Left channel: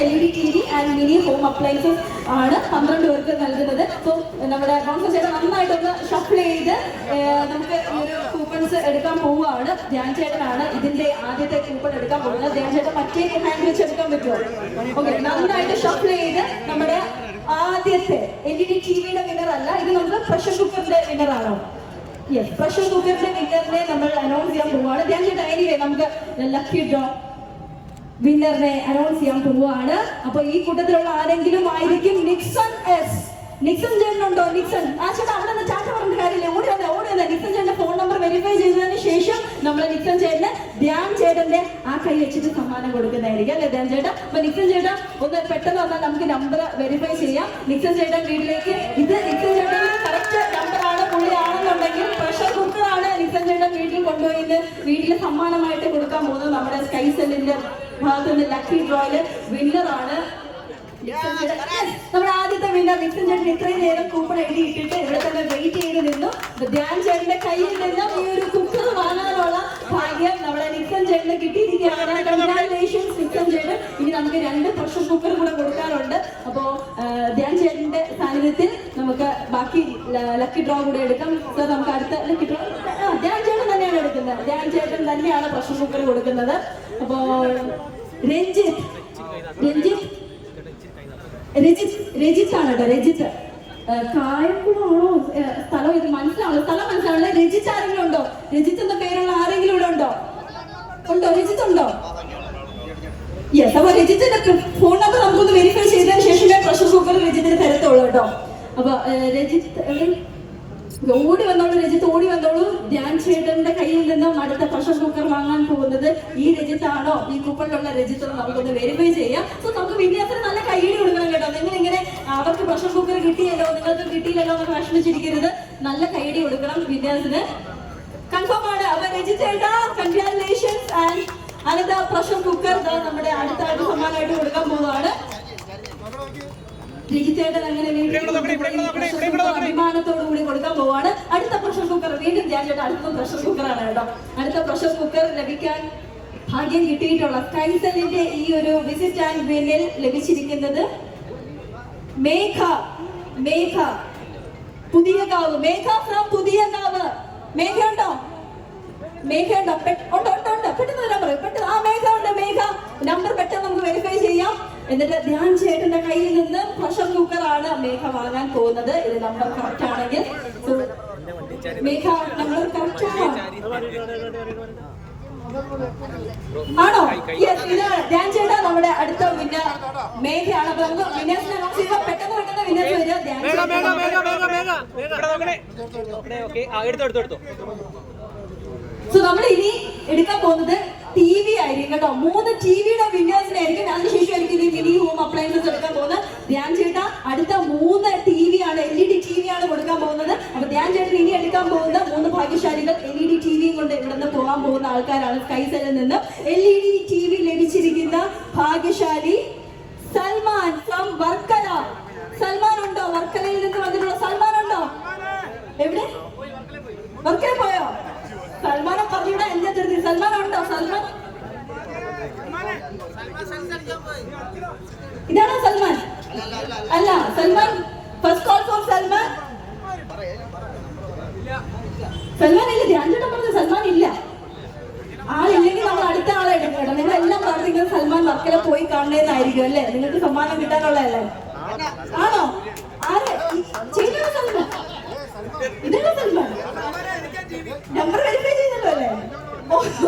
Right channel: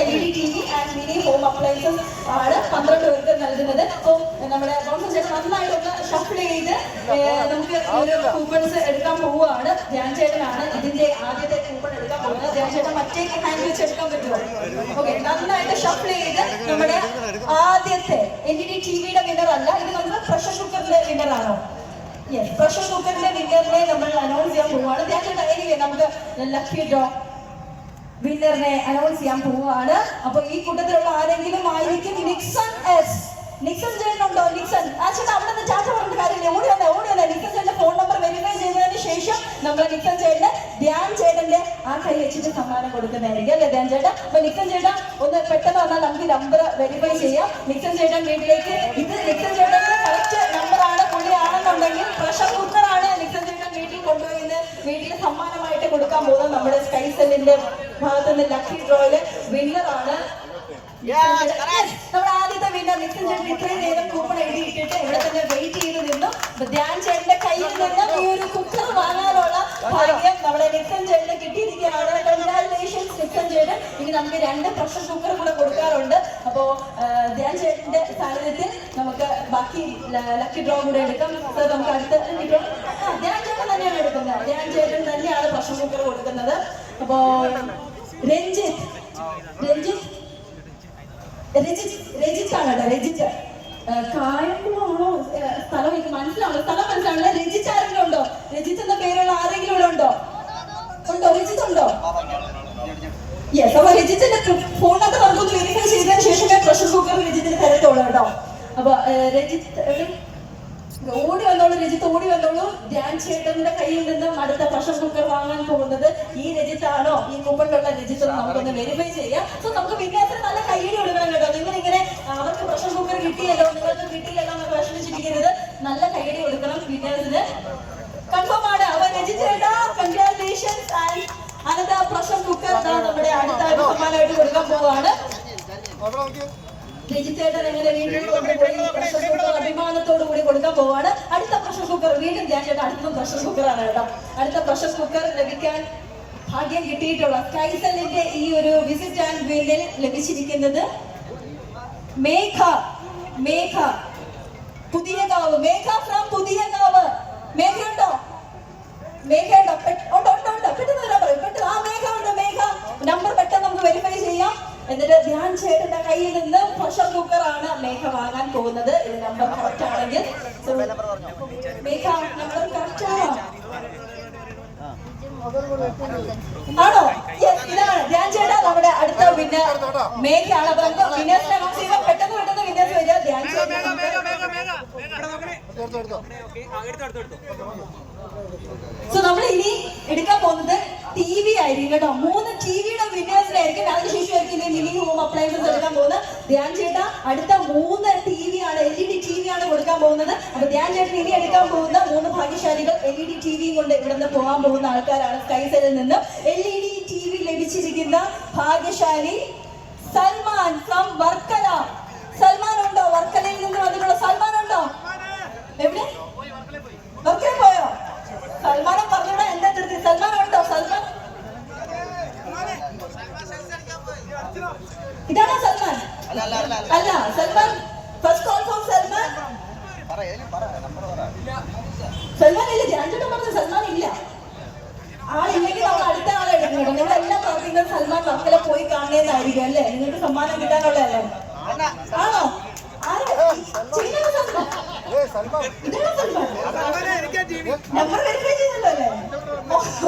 L E D T V and mini home appliances ആണ് പന്ത്രണ്ട് പേർക്ക് നൽകുന്നത്. അപ്പോൾ നമ്മുടെ ബൗൺസർ ചേട്ടൻ നന്നായിട്ടൊന്ന് ഷഫിൾ ചെയ്ത് നമുക്ക് ഒരു കൂപ്പൺസ് എടുക്കാൻ പോവുകയാണ്. ധ്യാൻ ചേട്ടനാണ് ഇതിന്റെ ആദ്യത്തെ കൂപ്പൺ എടുക്കാൻ പോകുന്നത്. ധ്യാൻ ചേട്ടൻ മറ്റേ ഹാൻഡ് വെച്ച് എടുക്കാൻ പറ്റുമോ? ഓക്കെ നന്നായിട്ട് ഷഫിൾ ചെയ്ത് നമ്മുടെ ആദ്യത്തെ എൽ ഇ ഡി ടി വിയുടെ വിന്നർ അല്ല. ഇത് നമുക്ക് പ്രഷർ കുക്കറിന്റെ വിന്നർ ആണോ? യെസ് പ്രഷർ കുക്കറിന്റെ വിന്നറിനെ നമ്മൾ അനൗൺസ് ചെയ്യാൻ പോവുകയാണ്. ധ്യാൻ ചേട്ടൻ എനിവേ നമുക്ക് ലക്കി ഡ്രോ വിന്നറിനെ അനൗൺസ് ചെയ്യാൻ പോവുകയാണ്. അപ്പൊ ഈ കൂട്ടത്തിലുള്ള ആരെങ്കിലും ആയിരിക്കും നിക്സൺ എസ് നിക്സൺ ചേട്ടനുണ്ടോ നിക്സൺ ആ ചേട്ടൻ അവിടെ നിന്ന് ചാച്ച പറഞ്ഞ കാര്യമില്ല. ഓടി വന്നേ ഓടി വന്നേ. നിക്സൺ ചേട്ടന്റെ ഫോൺ നമ്പർ വെരിഫൈ ചെയ്തതിന് ശേഷം നമ്മൾ നിക്സൺ ചേട്ടന് ധ്യാൻ ചേട്ടന്റെ ആ കൈ വെച്ചിട്ട് സമ്മാനം കൊടുക്കുന്നതായിരിക്കും അല്ലെ ധ്യാൻ ചേട്ടാ? അപ്പൊ നിക്സൺ ചേട്ടാ ഒന്ന് പെട്ടെന്ന് വന്നാൽ നമുക്ക് നമ്പർ വെരിഫൈ ചെയ്യാം. നിക്സൺ ചേട്ടൻ വീട്ടിലേക്ക് ഇത് നിക്സൺ ചേട്ടന്റെ കൊണ്ടുപോയി വീട്ടിൽ സമ്മാനമായിട്ട് കൊടുക്കാൻ പോകുന്നത് നമ്മുടെ സ്കൈ സെല്ലിന്റെ ഭാഗത്ത് നിന്ന് ലക്കി ഡ്രോയിൽ വിന്നറാണ് നമ്മുടെ ആദ്യത്തെ വിന്നർ നിക്സൺ ചേട്ടൻ ഇത്രയും നേരം കൂപ്പൺ എഴുതി ഇട്ടിട്ട് ഇവിടെ തന്നെ വെയിറ്റ് ചെയ്ത് നിന്നു. ധ്യാൻ ചേട്ടന്റെ കയ്യിൽ നിന്ന് ഈ ഒരു കുക്കർ വാങ്ങാനുള്ള ഭാഗ്യം നമ്മുടെ നിക്സൺ ചേട്ടന് കിട്ടിയിരിക്കുകയാണ്. കൺഗ്രാറ്റുലേഷൻസ് നിക്സൺ ചേട്ടൻ. ഇനി നമുക്ക് രണ്ട് പ്രഷർ കുക്കർ കൂടെ കൊടുക്കാറുണ്ട്. അപ്പോ ധ്യാൻ ചേട്ടന്റെ സാന്നിധ്യത്തിൽ നമുക്ക് ബാക്കി ലക്കി ഡ്രോ കൂടെ എടുക്കാം. നമുക്ക് അടുത്ത ഡ്രോ ധ്യാൻ ചേട്ടൻ തന്നെയാണ് എടുക്കുന്നത് ധ്യാൻ ചേട്ടൻ തന്നെയാണ് പ്രഷർ കുക്കർ കൊടുക്കുന്നത്. അപ്പോ രഞ്ജിത്ത് രഞ്ജിത്ത് രജിത്ത് രജിത്ത് ആണ് കേട്ടോ രജിത്ത് കായംകുളമാണോ? സ്ഥലം ഇത് മനസ്സിലാവുള്ളൂ സ്ഥലം മനസ്സിലാവില്ല രജിത്ത് ആരെങ്കിലും ഉണ്ടോ? രജിത്ത് എന്ന പേരുള്ള ആരെങ്കിലും ഇവിടെ ഉണ്ടോ? ഉണ്ടോ? രജിത്ത് ഉണ്ടോ? യെസ് അപ്പൊ രജിത്തിന്റെ ഫോൺ നമ്പർ നമുക്കൊന്ന് വെരിഫൈ ചെയ്തതിന് ശേഷമേ പ്രഷർ കുക്കർ രജിത്തിന് തരത്തുള്ളൂ കേട്ടോ അപ്പൊ ഏഹ് രജിത്ത് എവിടെ ഓടി വന്നോളൂ രജിത്ത് ഓടി വന്നോളൂ ധ്യാൻ ചേട്ടന്റെ കയ്യിൽ നിന്നും അടുത്ത പ്രഷർ കുക്കർ വാങ്ങാൻ പോകുന്നത് ഈ രജിത്താണോ? ഈ കൂപ്പണിലുള്ള രജിത്ത് നമുക്കൊന്ന് വെരിഫൈ ചെയ്യാം. സോ നമുക്ക് വിന്യാസത്തിന് നല്ല കയ്യടി കൊടുക്കണം കേട്ടോ. നിങ്ങൾ ഇങ്ങനെ അവർക്ക് പ്രഷർ കുക്കർ കിട്ടിയല്ലോ നിങ്ങൾക്ക് കിട്ടിയില്ലല്ലോ എന്നൊക്കെ വിഷമിച്ചിരിക്കരുത്. നല്ല കയ്യടി കൊടുക്കണം വിന്യാസത്തിന് കൺഫേം ആണ്. അപ്പൊ രജിത്ത് ചേട്ടാ കൺഗ്രാറ്റുലേഷൻസ് ആൻഡ് അടുത്ത പ്രഷർ കുക്കർ നമ്മുടെ അടുത്ത സമ്മാനമായിട്ട് കൊടുക്കാൻ പോകുന്നതാണ് രജിത്തേട്ടൻ അങ്ങനെ വീണ്ടും കൊണ്ടുപോയി പ്രഷർ അഭിമാനത്തോടു കൂടി കൊടുക്കാൻ പോവാണ് അടുത്ത പ്രഷർ കുക്കർ വീണ്ടും ഞാൻ ചേട്ടാ അടുത്ത പ്രഷർ കുക്കറാണ് കേട്ടോ. അടുത്ത പ്രഷർ കുക്കർ ലഭിക്കാൻ ഭാഗ്യം കിട്ടിയിട്ടുള്ള കൈസലിന്റെ ഈ ഒരു വിസിറ്റ് ആൻഡ് വിന്നിൽ ലഭിച്ചിരിക്കുന്നത്. മേഘ മേഘ പുതിയ കാവ്. മേഘ ഫ്രം പുതിയ കാവ്. മേഘ ഉണ്ടോ മേഘ ഉണ്ടോ ഉണ്ടോ ഉണ്ട്. ഉണ്ട് പെട്ടെന്ന് വരാൻ പെട്ടെന്ന് ആ മേഘ ഉണ്ട് മേഘ. നമ്പർ പെട്ടെന്ന് നമുക്ക് വെരിഫൈ ചെയ്യാം. എന്നിട്ട് ധ്യാൻ ചേട്ടന്റെ കയ്യിൽ നിന്ന് പ്രഷർ ആണ് മേഘ വാങ്ങാൻ പോകുന്നത്. ഇത് നമ്പർ കറക്റ്റ് ആണെങ്കിൽ. മേഘ നമ്പർ കറക്റ്റ് ആണോ? ആണോ? യെസ് ഇതാണ്. ധ്യാൻ ചേട്ടാ നമ്മുടെ അടുത്ത വിന്നർ മേഘയാണ് അപ്പൊ നമുക്ക് വിന്നേഴ്സിനെ അനൗൺസ് ചെയ്യുമ്പോൾ പെട്ടെന്ന് പെട്ടെന്ന് വിന്നേഴ്സ് വരിക. ധ്യാൻ സോ നമ്മൾ ഇനി എടുക്കാൻ പോകുന്നത് ടി വി ആയിരിക്കും കേട്ടോ. മൂന്ന് ടി വിയുടെ വിന്നേഴ്സിനായിരിക്കും അതിനുശേഷമായിരിക്കും ഇനി മിനി ഹോം അപ്ലയൻസസ് എടുക്കാൻ പോകുന്നത്. ധ്യാൻ ചേട്ടാ അടുത്ത മൂന്ന് ആണ് L E D T V ആണ് കൊടുക്കാൻ പോകുന്നത്. അപ്പൊ ധ്യാൻ ചേട്ടൻ ഇനി എടുക്കാൻ പോകുന്ന മൂന്ന് ഭാഗ്യശാലികൾ L E D T V കൊണ്ട് ഇവിടുന്ന് പോകാൻ പോകുന്ന ആൾക്കാരാണ് സ്കൈസലിൽ നിന്ന്. L E D T V ലഭിച്ചിരിക്കുന്ന ഭാഗ്യശാലി സൽമാൻ ഫ്രം വർക്കല. സൽമാൻ ഉണ്ടോ? വർക്കലയിൽ നിന്ന് വന്നിട്ടുള്ള സൽമാൻ ഉണ്ടോ? എവിടെ? വർക്കല പോയോ? സൽമാനെ പറഞ്ഞൂടെ എന്താ ധൃതി? സൽമാൻ ഉണ്ടോ? സൽമാൻ? ഇതാണോ സൽമാൻ? അല്ല Salman first call for Salman Salman ഇല്ല ചേട്ടൻ പറഞ്ഞു സൽമാൻ ഇല്ല. ആളില്ലെങ്കിൽ അടുത്ത ആളെ എടുക്കണം. നിങ്ങൾ എല്ലാം പ്രാർത്ഥിക്കുന്നത് സൽമാൻ വർക്കല പോയി കാണണേന്നായിരിക്കും നിങ്ങൾക്ക് സമ്മാനം കിട്ടാനുള്ളതല്ലേ? ആണോ? ആര്? ചെയ്യാൻ സൽമാൻ ഇതാണോ സൽമാൻ നമ്പർ വെരിഫൈ ചെയ്തല്ലോ അല്ലേ?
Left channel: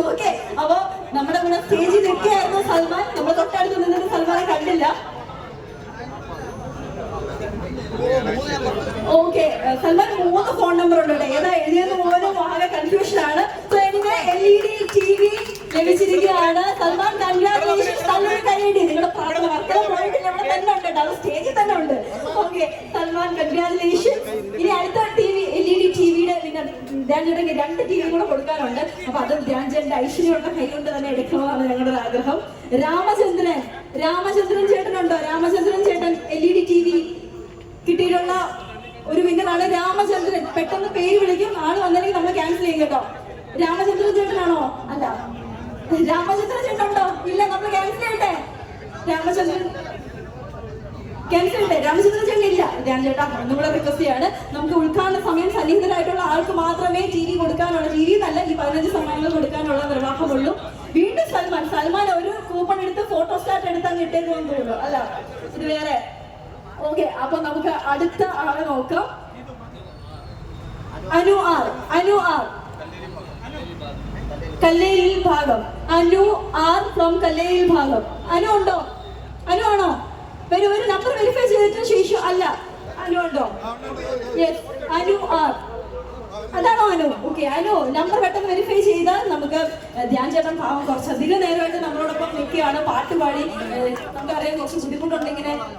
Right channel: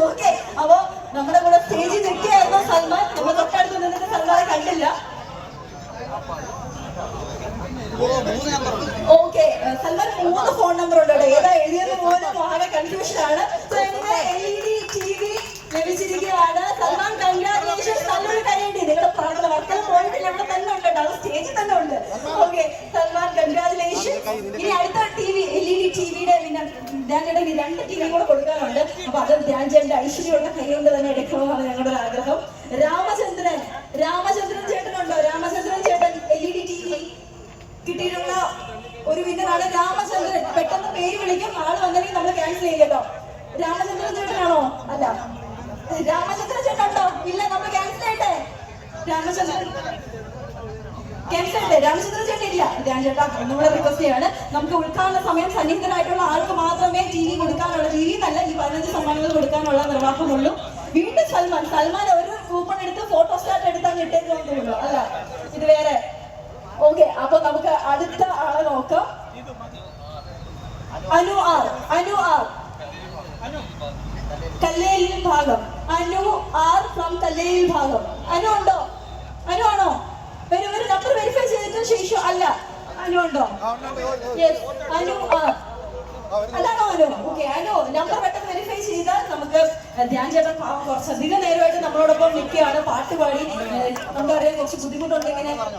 ഓക്കെ നമ്മുടെ കൂടെ സ്റ്റേജിൽ നിൽക്കുകയായിരുന്നു സൽമാൻ നമ്മൾ തൊട്ടടുത്ത് സൽമാനെ കണ്ടില്ല. ഓക്കെ സൽമാൻ മൂന്ന് ഫോൺ നമ്പർ ഉണ്ട് ഏതാ എഴുതിയത് പോലും വളരെ കൺഫ്യൂഷൻ ആണ്. L E D T V ലഭിച്ചിരിക്കുകയാണ്? Salman congratulation നല്ലൊരു കൈയടി. നിങ്ങളുടെ പ്രാർത്ഥന വർക്കല പോയിട്ടില്ല. ഇവിടെ തന്നെ ഉണ്ട് കേട്ടോ. സ്റ്റേജിൽ തന്നെ ഉണ്ട്. ഓക്കെ സൽമാൻ കൺഗ്രാറ്റുലേഷൻ ഇനി അടുത്ത T V L E D T വിയുടെ പിന്നെ ധ്യാൻ രണ്ട് ടി വി കൂടെ കൊടുക്കാനുണ്ട്. അപ്പൊ അത് ധ്യാൻ ചേട്ടന്റെ ഐശ്വര്യമുള്ള കൈ തന്നെ എടുക്കണമെന്നാണ് ഞങ്ങളുടെ ആഗ്രഹം. രാമചന്ദ്രൻ രാമചന്ദ്രൻ ചേട്ടനുണ്ടോ? രാമചന്ദ്രൻ ചേട്ടൻ L E D T V കിട്ടിയിട്ടുള്ള ഒരു വിന്നറാണ് രാമചന്ദ്രൻ. പെട്ടെന്ന് പേര് വിളിക്കും. ആൾ വന്നില്ലെങ്കിൽ നമ്മൾ ക്യാൻസൽ ചെയ്യും കേട്ടോ. രാമചന്ദ്രൻ ചേട്ടനാണോ? അല്ല. രാമചന്ദ്രൻ ചേട്ടനുണ്ടോ ഇല്ല നമ്മൾ ക്യാൻസൽ ചെയ്യട്ടെ. രാമചന്ദ്രൻ ക്യാൻസൽ ചെയ്യട്ടെ. രാമചന്ദ്രൻ ചേട്ടൻ ഇല്ല. രാം ചേട്ടാ ഒന്നുകൂടെ റിക്വസ്റ്റ് ചെയ്യാണ് നമുക്ക് ഉദ്ഘാടന സമയം സന്നിഹിതരായിട്ടുള്ള ആൾക്ക് മാത്രമേ വി കൊടുക്കാനുള്ള വി എന്നല്ല ഈ പതിനഞ്ച് സമ്മാനങ്ങൾ കൊടുക്കാനുള്ള നിർവാഹമുള്ളൂ. വീണ്ടും സൽമാൻ. സൽമാൻ ഒരു കൂപ്പൺ എടുത്ത് ഫോട്ടോ സ്റ്റാറ്റ് എടുത്താൽ അങ്ങ് ഇട്ടേക്കുമെന്ന് തോന്നുന്നു. അല്ല ഇത് വേറെ. ഓക്കെ അപ്പൊ നമുക്ക് അടുത്ത ആളെ നോക്കാം. Anu R Anu R. കല്ലേലിൽ ഭാഗം. അനു ആർ ഫ്രം കല്ലേലിൽ ഭാഗം. അനു ഉണ്ടോ? അനു ആണോ? വരും ഒരു നമ്പർ വെരിഫൈ ചെയ്തിട്ട് ശേഷം അല്ല. അനു ഉണ്ടോ? അനു ആർ. അതാണോ അനു? ഓക്കെ അനു നമ്പർ പെട്ടെന്ന് വെരിഫൈ ചെയ്താൽ നമുക്ക് ധ്യാൻ ചേട്ടൻ പാവം കുറച്ചധികം നേരമായിട്ട് നമ്മളോടൊപ്പം നിൽക്കുകയാണ്. പാട്ട് പാടി നമുക്കറിയാം കുറച്ച് ബുദ്ധിമുട്ടുണ്ട് ഇങ്ങനെ ഏഹ്,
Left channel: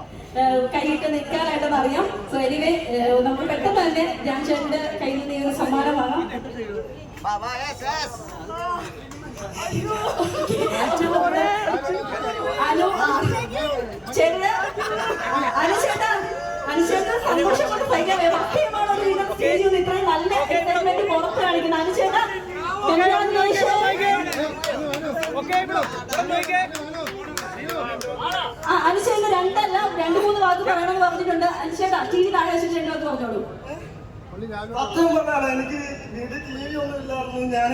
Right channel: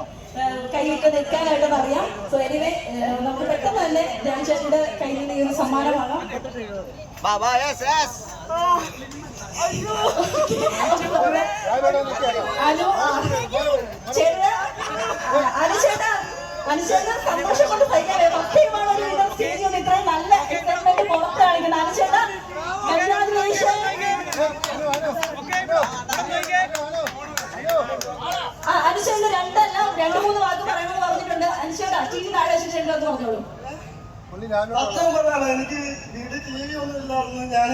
കൈയിട്ട് നിൽക്കാനായിട്ട് അറിയാം സോ എനിവേ നമുക്ക് പെട്ടെന്ന് തന്നെ ധ്യാൻ ചേട്ടന്റെ കയ്യിൽ നിന്ന് ഈ ഒരു സമ്മാനം വാങ്ങാം. Baba, yes, yes. അനു ചേട്ടാ അനു ചേട്ടാ അനു ചേട്ടാ സന്തോഷം കൊണ്ട് സഹിക്കാൻ വയ്യ. സത്യമാണ് ഒരു വിധം സ്റ്റേജിൽ നിന്ന് ഇത്രയും നല്ല എക്സൈറ്റ്മെന്റ് പുറത്ത് കാണിക്കുന്നത് ആ രണ്ടല്ല രണ്ട് മൂന്ന് വാക്ക് പറയണമെന്ന് പറഞ്ഞിട്ടുണ്ട്. അനുശേഖ ടി വി താഴെ വെച്ചിട്ട് രണ്ട് വാക്ക് പറഞ്ഞോളൂ. സത്യം പറഞ്ഞാണ് എനിക്ക് വീട്ടിൽ ടി വി ഒന്നും ഇല്ലായിരുന്നു. ഞാൻ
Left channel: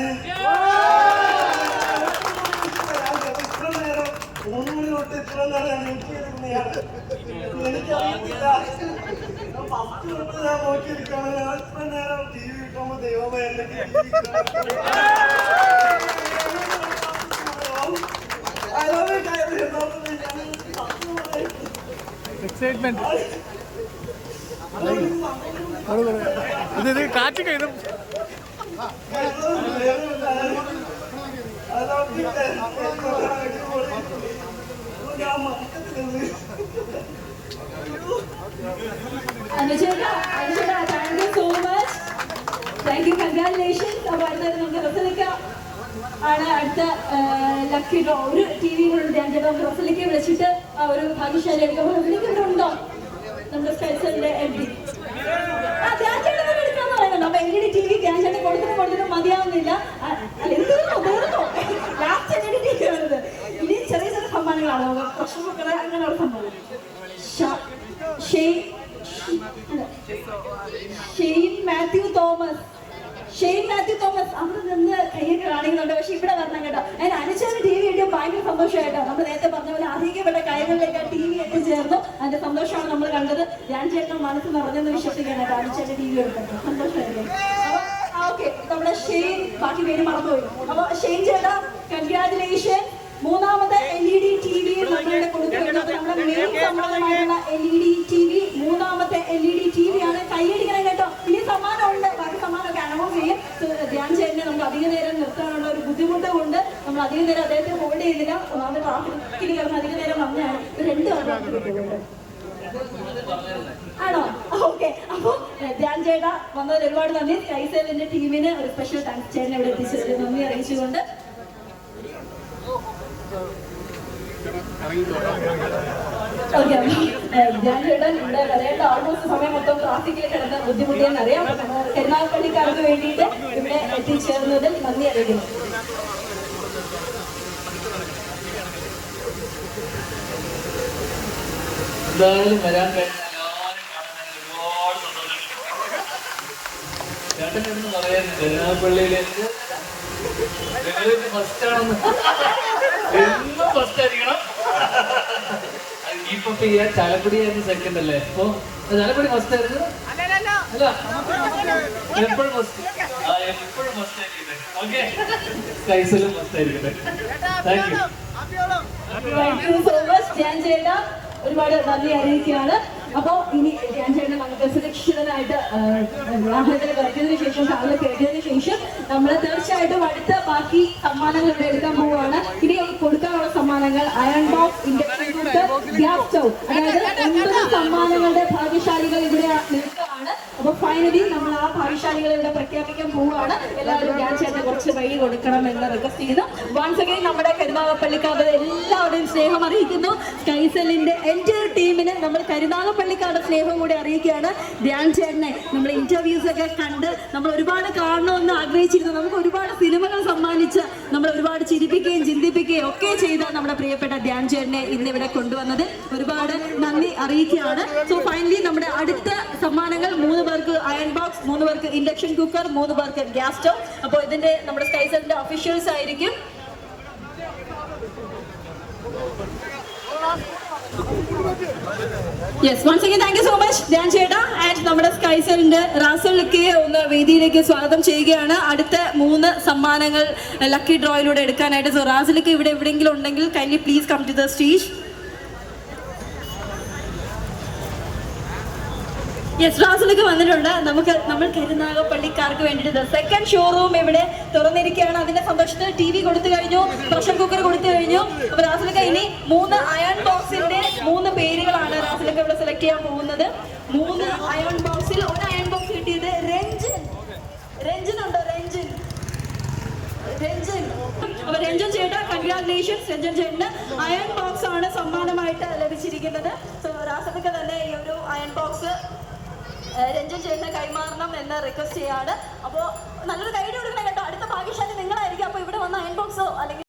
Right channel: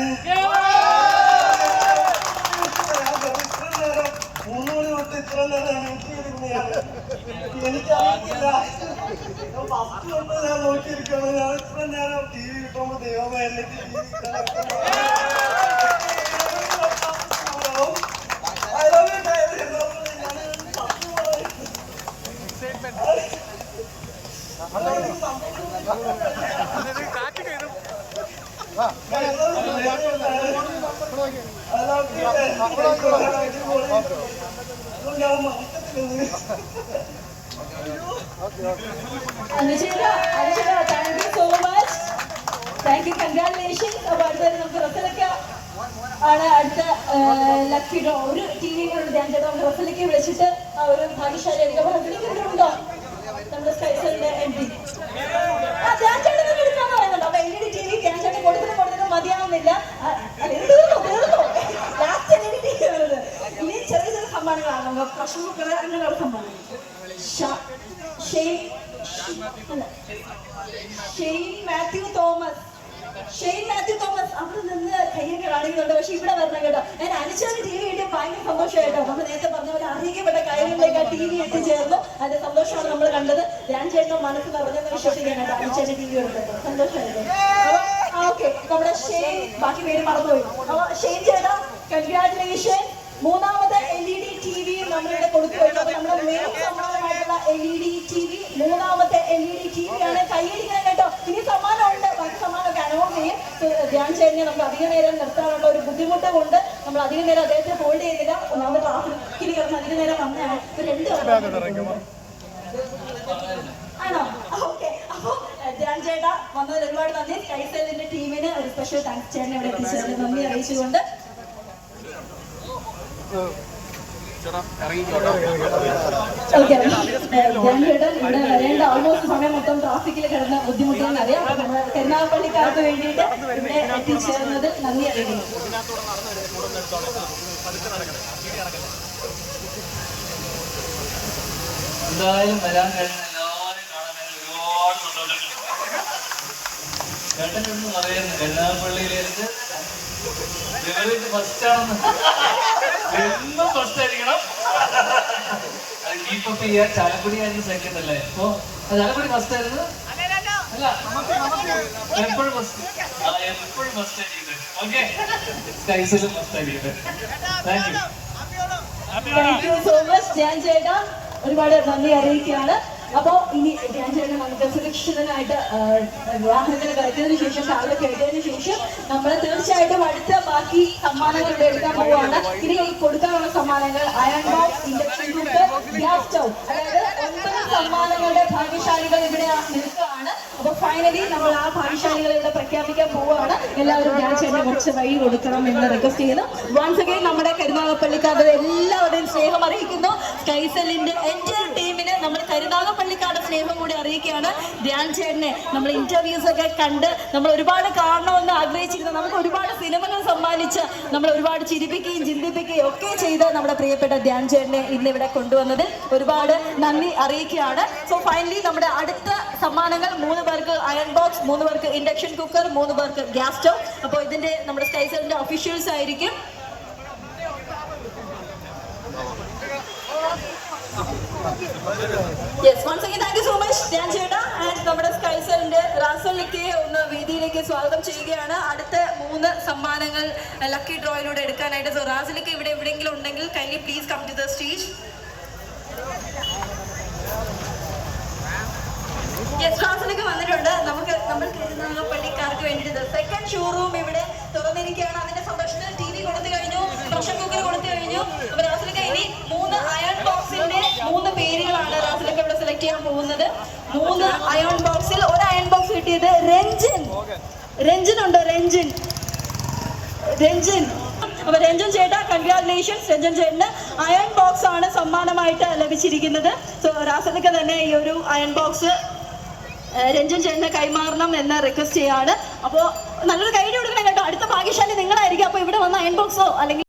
ഇത്ര നേരം മൂന്ന് മണി തൊട്ട് ഇത്ര നേരം നോക്കിയിരിക്കുന്നതാണ്. എനിക്ക് ഫസ്റ്റ് തൊട്ട് ഞാൻ നോക്കിയിരിക്കുകയാണ്. ഞാൻ ഇത്ര നേരം ടി വി കിട്ടുമ്പോൾ ദൈവമേ എനിക്ക് ഇത് thank you so much thank you congratulations അപ്പൊ ആണ് അടുത്ത ലക്കി ഡ്രോ ഒരു ടി വിയിലുള്ള ധ്യാൻ ചേട്ടാ നമുക്ക് ഒരു ഭാഗ്യശാലി എടുക്കാം റസലിക്ക നമ്മുടെ സ്പെഷ്യലിന്റെ എം പി ആ ചേട്ടൻ എടുക്കാന്ന് പറയുന്നുണ്ട്. അപ്പൊ L E D T V ചേട്ടൻ കൊടുത്തിട്ട് കൊടുത്തിട്ട് മതിയാവുന്നില്ല. സമ്മാനങ്ങളാണ് അങ്ങനെയുള്ള സംഭവം. Shane Mathew Thomas Shane Mathew Thomas അവിടെ നിന്ന് കയ്യൊക്കെ കാണിക്കുന്നുണ്ട് പക്ഷെ ഇവിടെ വരണം കേട്ടോ ഞാൻ അനുചാന് ടി വി കിട്ടിയ ഭയങ്കര സന്തോഷമായിട്ടോ നമ്മൾ നേരത്തെ പറഞ്ഞ പോലെ അധികപ്പെട്ട കാര്യങ്ങളിലേക്ക് ആ ടി വി എത്തിച്ചേർന്നു അതിന്റെ സന്തോഷമാണ് നമ്മൾ കണ്ടത് ഞാൻ ചേട്ടൻ മനസ്സ് നിറഞ്ഞെന്ന് വിശ്വസിക്കാൻ കേട്ടോ അനുചാന് ടി വി എടുത്തത് സന്തോഷമായിരുന്നു ഓക്കെ നമ്മുടെ ഷെയ്ൻ ബാക്കി പേര് മറന്നുപോയി ഷെയ്ൻ ചേട്ടാ കൺഗ്രാറ്റുലേഷൻ മൂന്നാമത് L E D T V നമ്മളിവിടെ കൊടുത്തുവരുന്നത് നമ്മുടെ main സമ്മാനമായിട്ടുള്ള L E D T V മൂന്നാമത്തെ L E D T V ആണ്. കൈയടിക്കണം കേട്ടോ ഇനി സമ്മാനമുണ്ട്. ബാക്കി സമ്മാനമൊക്കെ അനൗൺസ് ചെയ്യും. ധ്യാൻ ചേട്ടനെ നമുക്ക് അധിക നേരം നിർത്താനുള്ള ഒരു ബുദ്ധിമുട്ട് കൊണ്ട് നമ്മൾ അധിക നേരം അദ്ദേഹത്തെ ഹോൾഡ് ചെയ്തില്ല നമ്മൾ ട്രാഫിക്കിൽ കിടന്ന് അധിക നേരം വന്നതാണ് രണ്ട് ആണോ? ഓക്കെ അപ്പോ ധ്യാൻ ചേട്ടാ വന്നതിൽ ഒരുപാട് നന്ദി. കൈസലിന്റെ ടീമിന് ഒരു സ്പെഷ്യൽ താങ്ക്സ് ചേട്ടനെ ഇവിടെ എത്തിച്ചതിൽ നന്ദി അറിയിച്ചുകൊണ്ട്. ചേട്ടൻ ഇവിടെ വരേണ്ട ആൾമോസ്റ്റ് സമയം മൊത്തം ട്രാഫിക്കിൽ കിടന്ന് ബുദ്ധിമുട്ടിയെന്ന് അറിയാം. തെരുനാപ്പള്ളിക്കാർക്ക് വേണ്ടിയിട്ട് ഇവിടെ എത്തിച്ചേർന്നതിൽ നന്ദി അറിയിക്കുന്നു. എന്തായാലും വരാൻ കഴിഞ്ഞ എല്ലാവരും കാണാൻ ഞാൻ ഒരുപാട് സന്തോഷം ചേട്ടനൊന്നും പറയാൻ എറണാകുളയിലേക്ക് ഫസ്റ്റ് ആണെന്ന്. എന്നും ഫസ്റ്റ് ആയിരിക്കണം ചെയ്യാൻ ചാലക്കുടി ആയിരുന്നു സെക്കൻഡ് അല്ലേ? അപ്പൊ ചാലക്കുടി ഫസ്റ്റ് ആയിരുന്നു? എപ്പോഴും ഫസ്റ്റ് എപ്പോഴും ഫസ്റ്റ് ആയിരിക്കുന്നത് ഓക്കെ സ്കൈസിലും ഫസ്റ്റ് ആയിരിക്കുന്നത് thank you thank you so much Dhyan ചേട്ട. ഒരുപാട് നന്ദി അറിയിക്കുകയാണ്. അപ്പൊ ഇനി ഞാൻ ചേട്ടൻ നമുക്ക് സുരക്ഷിതനായിട്ട് വാഹനത്തിൽ കളിച്ചതിന് ശേഷം രാവിലെ കയറ്റിയതിനു ശേഷം നമ്മൾ തീർച്ചയായിട്ടും അടുത്ത ബാക്കി സമ്മാനങ്ങൾ ഇവിടെ എടുക്കാൻ പോവാണ്. ഇനി ഈ കൊടുക്കാനുള്ള സമ്മാനങ്ങൾ അയൺ ബോക്സ് ഇൻഡക്ഷൻ ഒൻപത് സമ്മാനങ്ങളുടെ ഭാഗ്യശാലികൾ ഇവിടെ അപ്പൊ ഫൈനലി നമ്മൾ ആ ഭാഗ്യശാലികളെ ഇവിടെ പ്രഖ്യാപിക്കാൻ പോവുകയാണ്. എല്ലാവരും ഞാൻ ചേട്ടൻ കുറച്ച് വഴി കൊടുക്കണം എന്ന് റിക്വസ്റ്റ് ചെയ്യുന്നു. വൺസ് അഗൈൻ നമ്മുടെ കരുതാപ്പള്ളിക്കാരുടെ എല്ലാവരുടെയും സ്നേഹം അറിയിക്കുന്നു. സ്കൈസെല്ലിന്റെ എന്റെ ടീമിന് നമ്മൾ കരുനാഗപ്പള്ളിക്കാരുടെ സ്നേഹം കൂടി അറിയിക്കുകയാണ്. ധ്യാൻ ചേട്ടനെ നമ്മൾ ഇന്റർവ്യൂസ് ഒക്കെ കണ്ട് നമ്മൾ ഒരുപാട് കാണണമെന്ന് ആഗ്രഹിച്ചിരുന്നു. നമുക്ക് ഒരുപാട് സിനിമകൾ സമ്മാനിച്ച് നമ്മൾ ഒരുപാട് ചിരിപ്പിക്കുകയും ചിന്തിപ്പിക്കുകയും ഒക്കെ ചെയ്ത നമ്മുടെ പ്രിയപ്പെട്ട ധ്യാൻ ചേട്ടനെ ഇന്ന് ഇവിടെ കൊണ്ടുവന്നത്. ഒരുപാട് നന്ദി അറിയിക്കുകയാണ്. സോ ഫൈനലി നമ്മുടെ അടുത്ത സമ്മാനങ്ങൾ മൂന്ന് പേർക്ക് അയൺ ബോക്സ് മൂന്ന് പേർക്ക് ഇൻഡക്ഷൻ കുക്കർ മൂന്ന് പേർക്ക് ഗ്യാസ് സ്റ്റവ് അപ്പോൾ ഇതിന്റെ നമ്മുടെ സ്കൈസറിന്റെ ഒഫീഷ്യൽസ് ആയിരിക്കും. Yes once again thank you so much Dhyan ചേട്ടാ. ആൻഡ് നമ്മുടെ സ്കൈസറിന്റെ റാസലൊക്കെ ഒന്ന് വേദിയിലേക്ക് സ്വാഗതം ചെയ്യുകയാണ്. അടുത്ത മൂന്ന് സമ്മാനങ്ങൾ ലക്കി ഡ്രോയിലൂടെ എടുക്കാനായിട്ട്. സോ റാസലിക്ക് ഇവിടെ എവിടെയെങ്കിലും ഉണ്ടെങ്കിൽ kindly please come to the stage yes ക്ലാസ്സിലൊക്കെ വന്നിട്ടുണ്ട്. നമുക്ക് നമ്മൾ കരുനാഗപ്പള്ളിക്കാർക്ക് വേണ്ടിയിട്ട് സെക്കൻഡ് ഷോറൂം ഇവിടെ തുറന്നിരിക്കുകയാണ്. അതിന്റെ സന്തോഷത്തിൽ ടി വി കൊടുത്തു കഴിഞ്ഞു. പ്രഷർ കുക്കർ കൊടുത്തു കഴിഞ്ഞു. അപ്പൊ ക്ലാസ്സിലൊക്കെ ഇനി മൂന്ന് അയൺ ബോക്സിന്റെ മൂന്ന് പേരുകളാണ് ക്ലാസ്സിലൊക്കെ ഇവിടെ സെലക്ട് ചെയ്യാൻ പോകുന്നത്. മൂന്ന് അയൺ ബോക്സിൽ ഒരു അയൺ ബോക്സ് കിട്ടിയത് രഞ്ജൻ. രഞ്ജൻ ഉണ്ടോ? രഞ്ജൻ. രഞ്ജൻ. അപ്പൊ രഞ്ജൻ ചേട്ടാ കൺഗ്രാറ്റുലേഷൻസ് രഞ്ജൻ ചേട്ടന് അയൺ ബോക്സ് ആണ് സമ്മാനമായിട്ട് ലഭിച്ചിരിക്കുന്നത്. സോ രാസനൊക്കെ തന്നെ ഈ ഒരു അയൺ ബോക്സ് രഞ്ജൻ ചേട്ടനെ കൈമാറണം എന്ന് റിക്വസ്റ്റ് ചെയ്യാണ്. അപ്പോൾ നല്ലൊരു കൈഡി കൊടുക്കണം കേട്ടോ. അടുത്ത ഭാഗ്യശാലി നിങ്ങളായിരിക്കും. അപ്പോൾ ഇവിടെ വന്ന അയൺ ബോക്സോ അല്ലെങ്കിൽ